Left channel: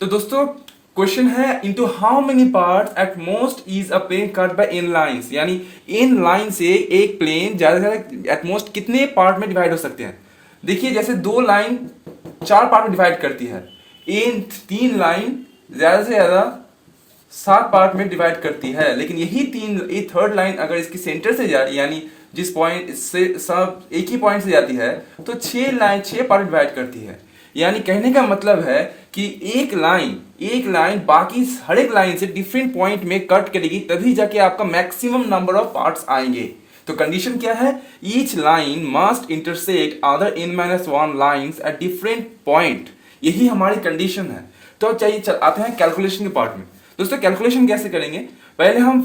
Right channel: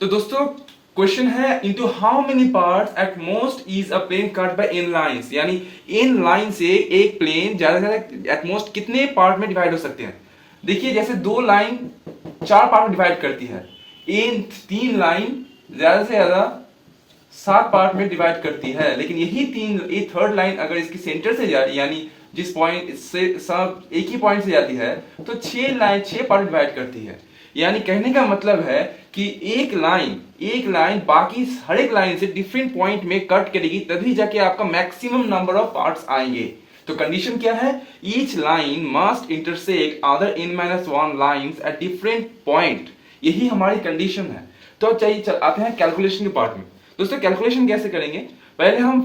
तो दोस्तों क्वेश्चन है into how many parts at most is a plane cut by n lines, यानी n line से एक प्लेन ज्यादा से ज्यादा एट मोस्ट कितने पार्ट में डिवाइड हो सकते हैं। देखिए जैसे दो लाइन चार पार्ट में डिवाइड करती है, इन तीन लाइन ज्यादा से ज्यादा सात पार्ट में डिवाइड करती है, लेकिन यही ये थर्ड लाइन अगर इसकी सेंटर से जा रही है, यानी जिस पॉइंट से सब एक ही पॉइंट से जाती है, तो छह पार्ट डिवाइड करती है। यानी कहने का मतलब है कि एक लाइन बाकी हर एक लाइन से डिफरेंट पॉइंट में कट करेगी, तभी जाके आपका मैक्सिमम नंबर ऑफ पार्ट्स आएंगे। तो कंडीशन क्या है, each line must intersect other n minus one lines at different point, यही हमारी कंडीशन है। तो चाहिए आते हैं कैलकुलेशन के पार्ट में। दोस्तों कैलकुलेशन कैसे करेंगे, पहले हम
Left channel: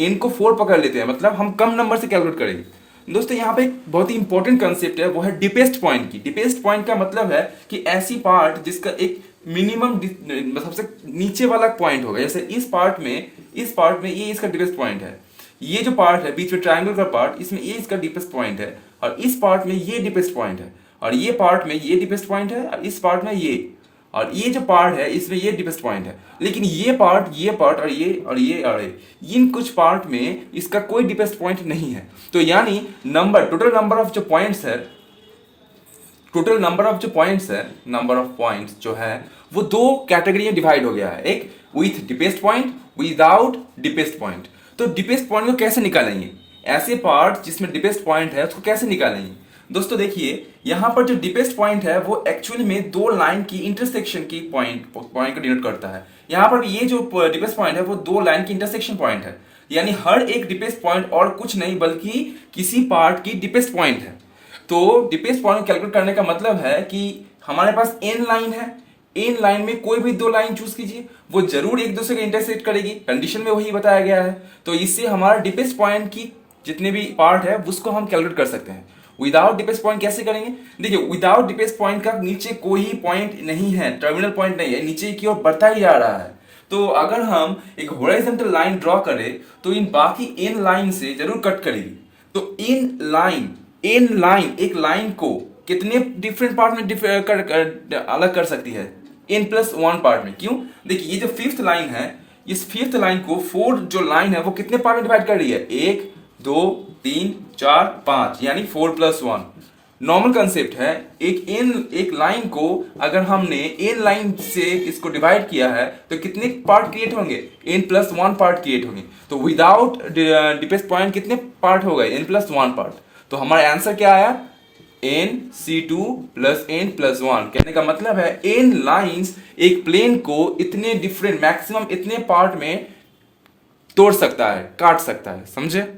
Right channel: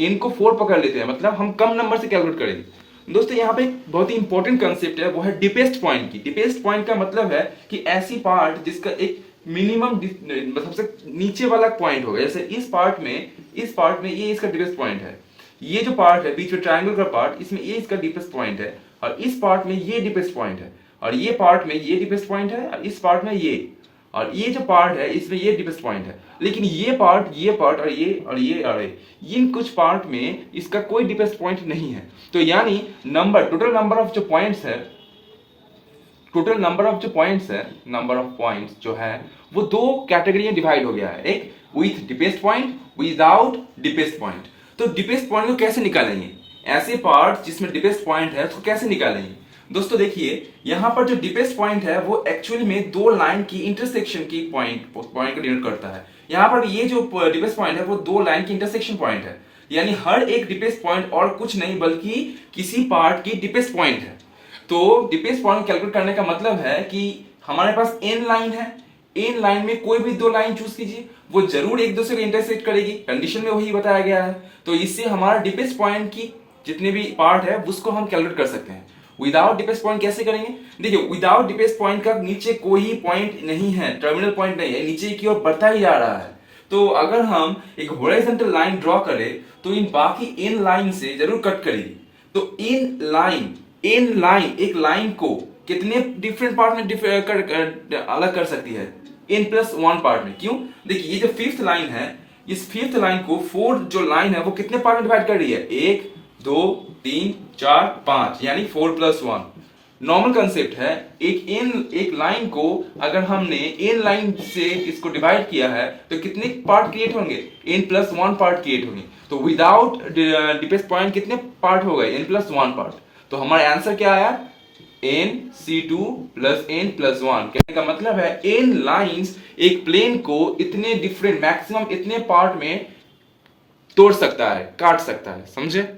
n को 4 पकड़ लेते हैं, मतलब हम कम नंबर से कैलकुलेट करेंगे। दोस्तों यहाँ पे एक बहुत ही इंपॉर्टेंट कंसेप्ट है, वो है डिपेस्ट पॉइंट की। डिपेस्ट पॉइंट का मतलब है कि ऐसी पार्ट जिसका एक मिनिमम सबसे नीचे वाला पॉइंट होगा। जैसे इस पार्ट में ये इसका डिपेस्ट पॉइंट है, ये जो पार्ट है बीच में ट्रायंगल का पार्ट, इसमें ये इसका डीपेस्ट पॉइंट है, और इस पार्ट में ये डीपेस्ट पॉइंट है, और ये पार्ट में ये डीपेस्ट पॉइंट है, और इस पार्ट में ये, और ये जो पार्ट है इसमें ये डीपेस्ट पॉइंट है। लेकिन ये पार्ट और ये इन कुछ पार्ट में इसका कोई डीपेस्ट पॉइंट नहीं है। तो यानी टोटल नंबर ऑफ पॉइंट्स जो है वो दो कैटेगरी में डिवाइड हो गया है, एक with deepest point, without deepest point. तो डिपेस्ट पॉइंट को कैसे निकालेंगे, ऐसे पार्ट जिसमें डिपेस्ट पॉइंट है उसको कैसे निकालेंगे। दोस्तों देखिए यहाँ पर जो डिपेस्ट पॉइंट है वो एक्चुअली में दो लाइन की इंटरसेक्शन की पॉइंट को डिनोट करता है। यहाँ पर ये जो डिपेस्ट पॉइंट है वो दो लाइन की इंटरसेक्शन पॉइंट है, यानी हर एक डिपेस्ट पॉइंट और कुछ नहीं बल्कि किसी पार्ट की डिपेस्ट पॉइंट है। तो डिपेस्ट पॉइंट कैलकुलेट करने का मतलब है कि हमारे पास n लाइन है, इन लाइन में कोई भी दो लाइन चूज कीजिए, वो जरूर एक दूसरे को इंटरसेक्ट करेगी, कंडीशन में वही बताया गया है। तो इससे हमारा डिपेस्ट पॉइंट की जितने भी पार्ट है उसको हम कैलकुलेट कर सकते हैं। विदाउट डिपेस्ट पॉइंट कैसे करेंगे, देखिए विदाउट डिपेस्ट पॉइंट का नीचे कोई पॉइंट नहीं है, टर्मिनल पॉइंट नहीं है, नीचे की ओर बढ़ता ही जा रहा है। तो अगर हम एक हॉरिजॉन्टल लाइन ड्रॉ करें तो इन बाकी इन लाइन से जरूर कट करेगी। तो इन लाइन एक लाइन को कितने डिफरेंट पार्ट में अलग कर सकती है, n+1 पार्ट में। क्यों, देखिए ये जो फिफ्थ लाइन है, इस फिफ्थ लाइन को फोर्थ जो लाइन है वो कितने पार्ट में डिवाइड कर रही है, 1 2 3 4 5, यानी 4+1। नॉर्मल कंसेप्ट है, एक लाइन को अगर हमने इन लाइन से इसको डिवाइड किया है तो कितने पार्ट क्रिएट होंगे, n+1 पार्ट क्रिएट होंगे। तो विदाउट डिपेस्ट पॉइंट कितने पार्ट हो गए, n+1 पार्ट। तो हमारा आंसर क्या आया, nc2 + n+1। कहने का मतलब है n लाइंस एक प्लेन को इतने डिफरेंट मैक्सिमम इतने पार्ट में तोड़ सकता है, काट सकता है, समझे।